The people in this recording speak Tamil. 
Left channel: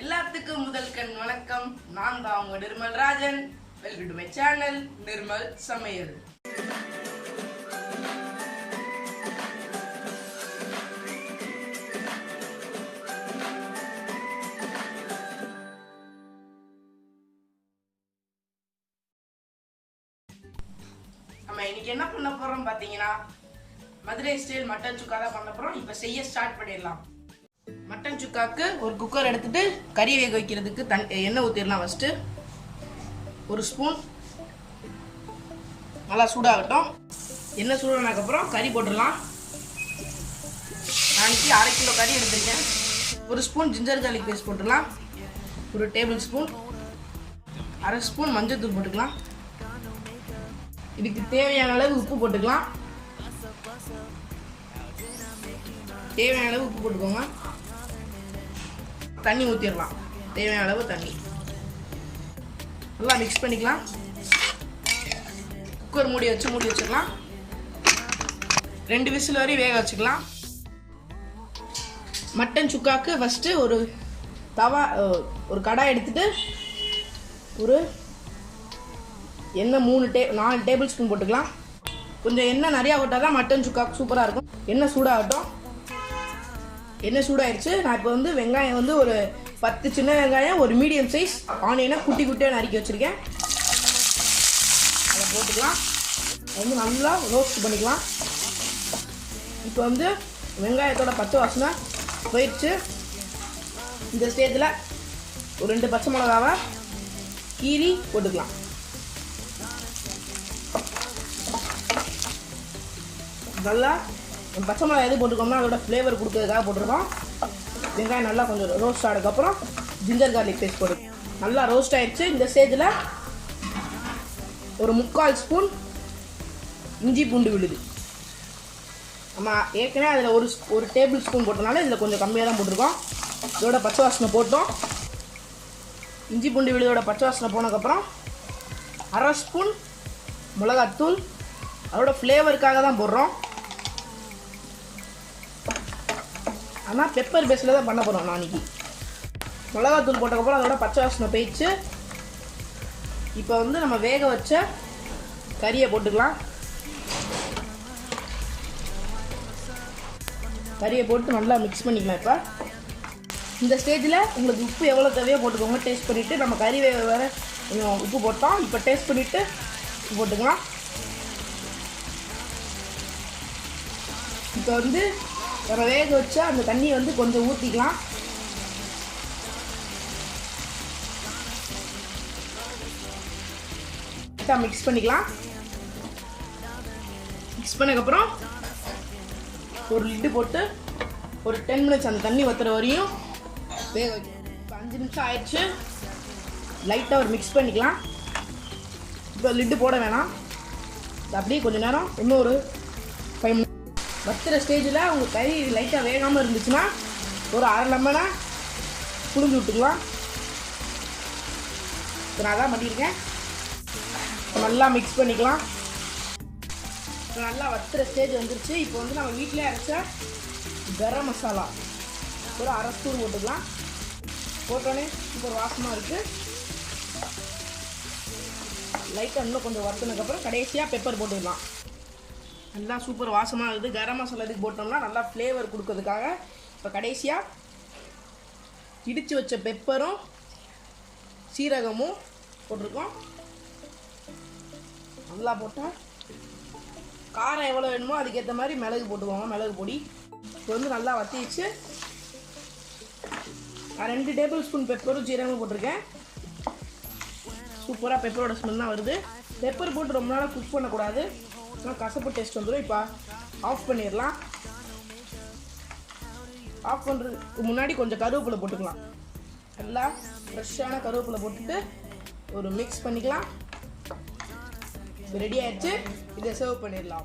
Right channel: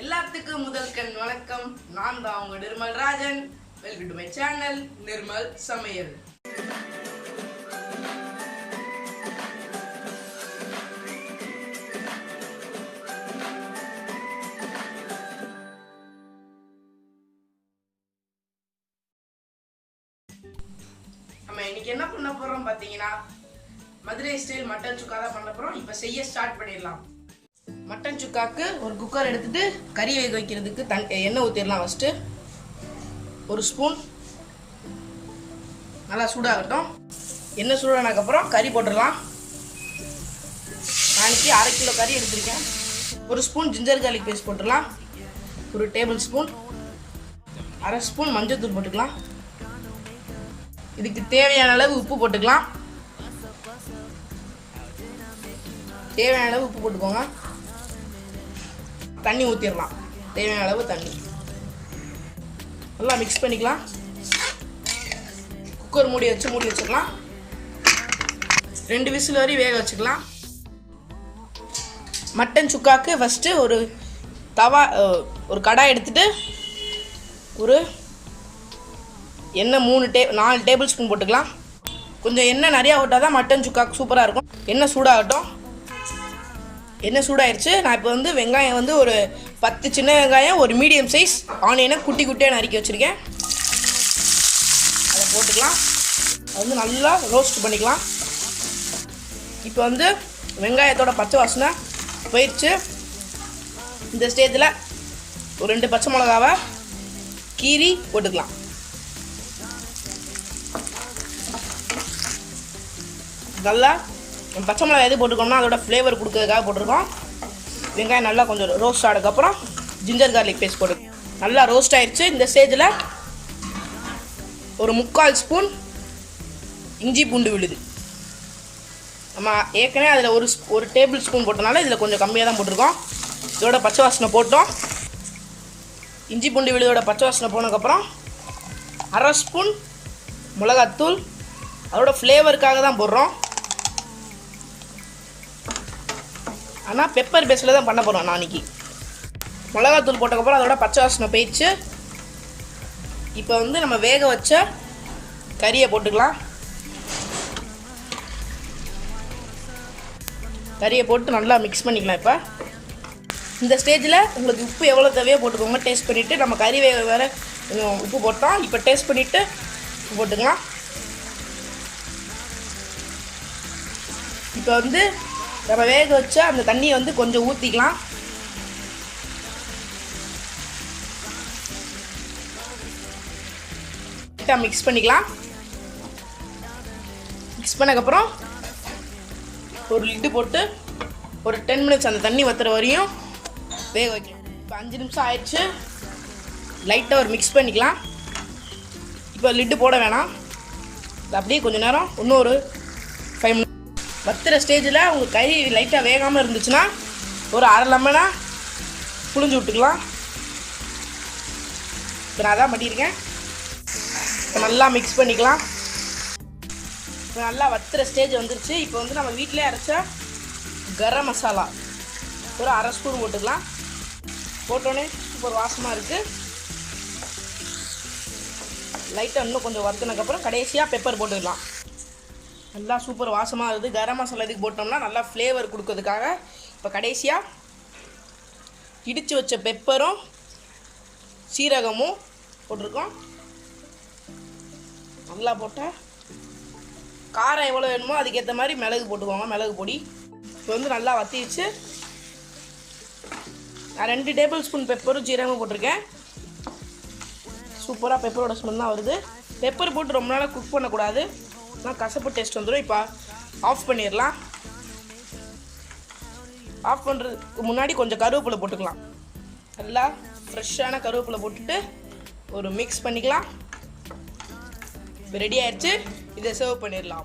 எல்லாத்துக்கும் முதல் கண் வணக்கம். நான் தான் உங்க Nirmal Rajan. Welcome to my channel Nirmal சமையல். நம்ம இன்னைக்கு என்ன பண்ண போறோம் பாத்தீங்கன்னா, மதுரை ஸ்டைல் மட்டன் சுக்கா தான் பண்ண போறோம். இப்போ செய்ய ஸ்டார்ட் பண்ணிடலாம். மட்டன் சுக்காக்கு ஒரு குக்கர் எடுத்துட்டு கறி வேக வைக்கிறதுக்கு எண்ணெய் ஊற்றிடலாம். ஃபஸ்ட்டு ஒரு ஸ்பூன் நல்லா சூடாகட்டும். எண்ணெய் சூடானதுக்கப்புறம் கறி போட்டுடலாம். நாளைக்கு 1/2 கிலோ கறி எடுத்துருக்கேன். ஒரு ஸ்பூன் ஜிஞ்சர் கார்லிக் பேஸ்ட் போட்டுடலாம். ஒரு டேபிள் ஸ்பூன் 1/2 ஸ்பூன் மஞ்சள் தூள் போட்டுக்கலாம். இதுக்கு தேவையான அளவு உப்பு போட்டுக்கலாம். தேவையான அளவு உப்பு போட்டுக்கோங்க. தண்ணி ஊற்றிடலாம். தேவையான அளவு தண்ணி நல்லா மிக்ஸ் பண்ணிக்கலாம். குக்கர் மூடி வச்சிடலாம். 2 விசில் வரை வேக வச்சுக்கலாம். மட்டன் சுக்காக்கு ஃபஸ்ட்டு ஒரு கடாய் எடுத்துட்டு ஒரு எண்ணெய் 4 டேபிள் ஸ்பூன் போட்டுக்கலாம். கொஞ்சம் எண்ணெய் நிறையா போட்டால் தான் மட்டன் சுக்காக்கு சூப்பராக இருக்கும். எண்ணெய் சூடாகட்டும். எண்ணெய் சூடாயிருச்சு. நான் இப்போ வெங்காயம் ஒரு 10 சின்ன வெங்காயம், ஒரு மீடியம் சைஸ் ஆனியனை குட்டி குட்டியாக நறுக்கி வச்சுருக்கேன். அதை போட்டுக்கலாம். அது நல்லா ரோஸ்ட் பண்ணிக்கலாம். இப்போ வெங்காயத்தோட பச்சை வாசனை போயிடுச்சு. இந்த ஸ்டேஜில் ஒரு 2 பச்சை மிளகாவை கீரி போட்டுக்கலாம். நல்லா பச்சை மிளகாய் எது போட்டுக்கோம்னா அதோட ஃப்ளேவர் கொடுக்கறதுக்காக போட்டிருக்கோம். வெங்காயம் நல்லா கொஞ்சம் ரோஸ்ட் ஆனதுக்கப்புறம் ஜிஞ்சர் கார்லிக் பேஸ்ட் போட்டு நல்லா ரோஸ்ட் ஆயிடுச்சு. இந்த ஸ்டேஜில் ஒரு 3/4 ஸ்பூன் இஞ்சி பூண்டு விழுது. நம்ம ஏற்கனவே அதில் ஒரு டேபிள் ஸ்பூன் போட்டனால இதில் கொஞ்சம் கம்மியாக தான் போட்டிருக்கோம். இதோட பச்சை வாசனை போட்டோம். இஞ்சி பூண்டு விழுதோட பச்சை வாசனை போனதுக்கப்புறம் 1/2 ஸ்பூன் மிளகாத்தூள். அதோட ஃப்ளேவருக்காக தான் போடுறோம். ஆனால் பெப்பர் பேஸில் தான் பண்ண போகிறோம் நாளைக்கு. மிளகாத்தூள் போட்டதுக்கப்புறம் அதோட பச்சை வாசனை போயிடுச்சு. இப்போ நம்ம வேக வச்ச கறியை போட்டுக்கலாம். கறியை போட்டு நல்லா மிக்ஸ் பண்ணிக்கலாம். இப்போ இந்த ஸ்டேஜில் உங்களுக்கு உப்பு எவ்வளோ தேவையோ போட்டுக்கோங்க. டேஸ்ட் பண்ணிவிட்டு நம்ம கறி வேறு கொஞ்சம் உப்பு போட்டோம். இப்போ டேஸ்ட் பண்ணிவிட்டு போட்டுக்கலாம். இப்போ நம்ம வேக வச்ச அந்த தண்ணியை கொஞ்சம் ஊற்றிக்கலாம். மிக்ஸ் பண்ணிக்கலாம். மிக்ஸ் பண்ணக்கப்புறம் ஒரு லிட்டு போட்டு ஒரு 10 மினிட்ஸ் அந்த தண்ணி வத்துற வரையும் வேக வைக்கணும். இப்போ 5 நிமிஷம் ஆயிடுச்சு. லைட்டாக மிக்ஸ் பண்ணிக்கலாம். இப்போ லிட்டு போட வேணாம். அப்படியே கொஞ்சம் நேரம் இன்னும் ஒரு 5 மினிட்ஸ் வத்துற ஸ்டேஜில் உங்கள் கறி லைட்டாக வேகாமல் இருந்துச்சுன்னா ஒரு 1/2 லெமனை புழிஞ்சு விட்டுக்கலாம். இப்போ நான் தான் பண்ணியிருக்கேன். இப்போ நல்லா மிக்ஸ் பண்ணிக்கலாம். இப்போ நல்லா வத்துற ஸ்டேஜ் வந்துருச்சு. இப்போ நம்ம வீட்டிலே அரைச்ச கரம் மசாலா ஒரு 1/2 ஸ்பூன் போட்டுக்கலாம். போட்டோன்னே சூப்பர் வாசமாக இருக்குது. லைட்டாக இன்னும் கொஞ்சம் வறுத்துனதுக்கப்புறம் கடைசியாக பெப்பர் போட்டுக்கலாம். நல்லா சூப்பர் வாசமாக இருக்குது. கரம் மசாலா இதுக்கு போட்டோம்னா நல்லா ஃப்ளேவர் கொடுக்கறதுக்காக இப்போ கடைசியாக இடித்து வச்ச பெப்பரும் சீரகமும் போட்டிருக்கோம். நல்லா போட்டால் காரம் எவ்வளோ வேணுமோ அதுக்கேற்ற மாதிரி மிளகு போட்டுக்கோங்க. மிளகு பொடி இப்போ நல்லா வத்திச்சு. நான் 2 டேபிள் ஸ்பூன் பெப்பரும் சீரகமும் போட்டிருக்கேன். சூப்பராக பெப்பரோட ஸ்மெல்லாம் வருது. பெப்பர் போட்டு ரொம்ப நாளாக குக் பண்ணக்கூடாது, கசப்பு டேஸ்ட் வந்துடும். இப்போ ஆஃப் பண்ணிடலாம். ஆஃப் பண்ணுறதுக்கு முன்னாடி கொஞ்சம் கருவேப்பிலை போட்டுக்கலாம். நல்லா ஃப்ரெஷ்ஷான கருவேப்பிலை போட்டுட்டு ஒரு மிக்ஸ் பண்ணிக்கலாம். இப்போ ரெடி ஆயிடுச்சு. இதை சர்வ் பண்ணிடலாம்.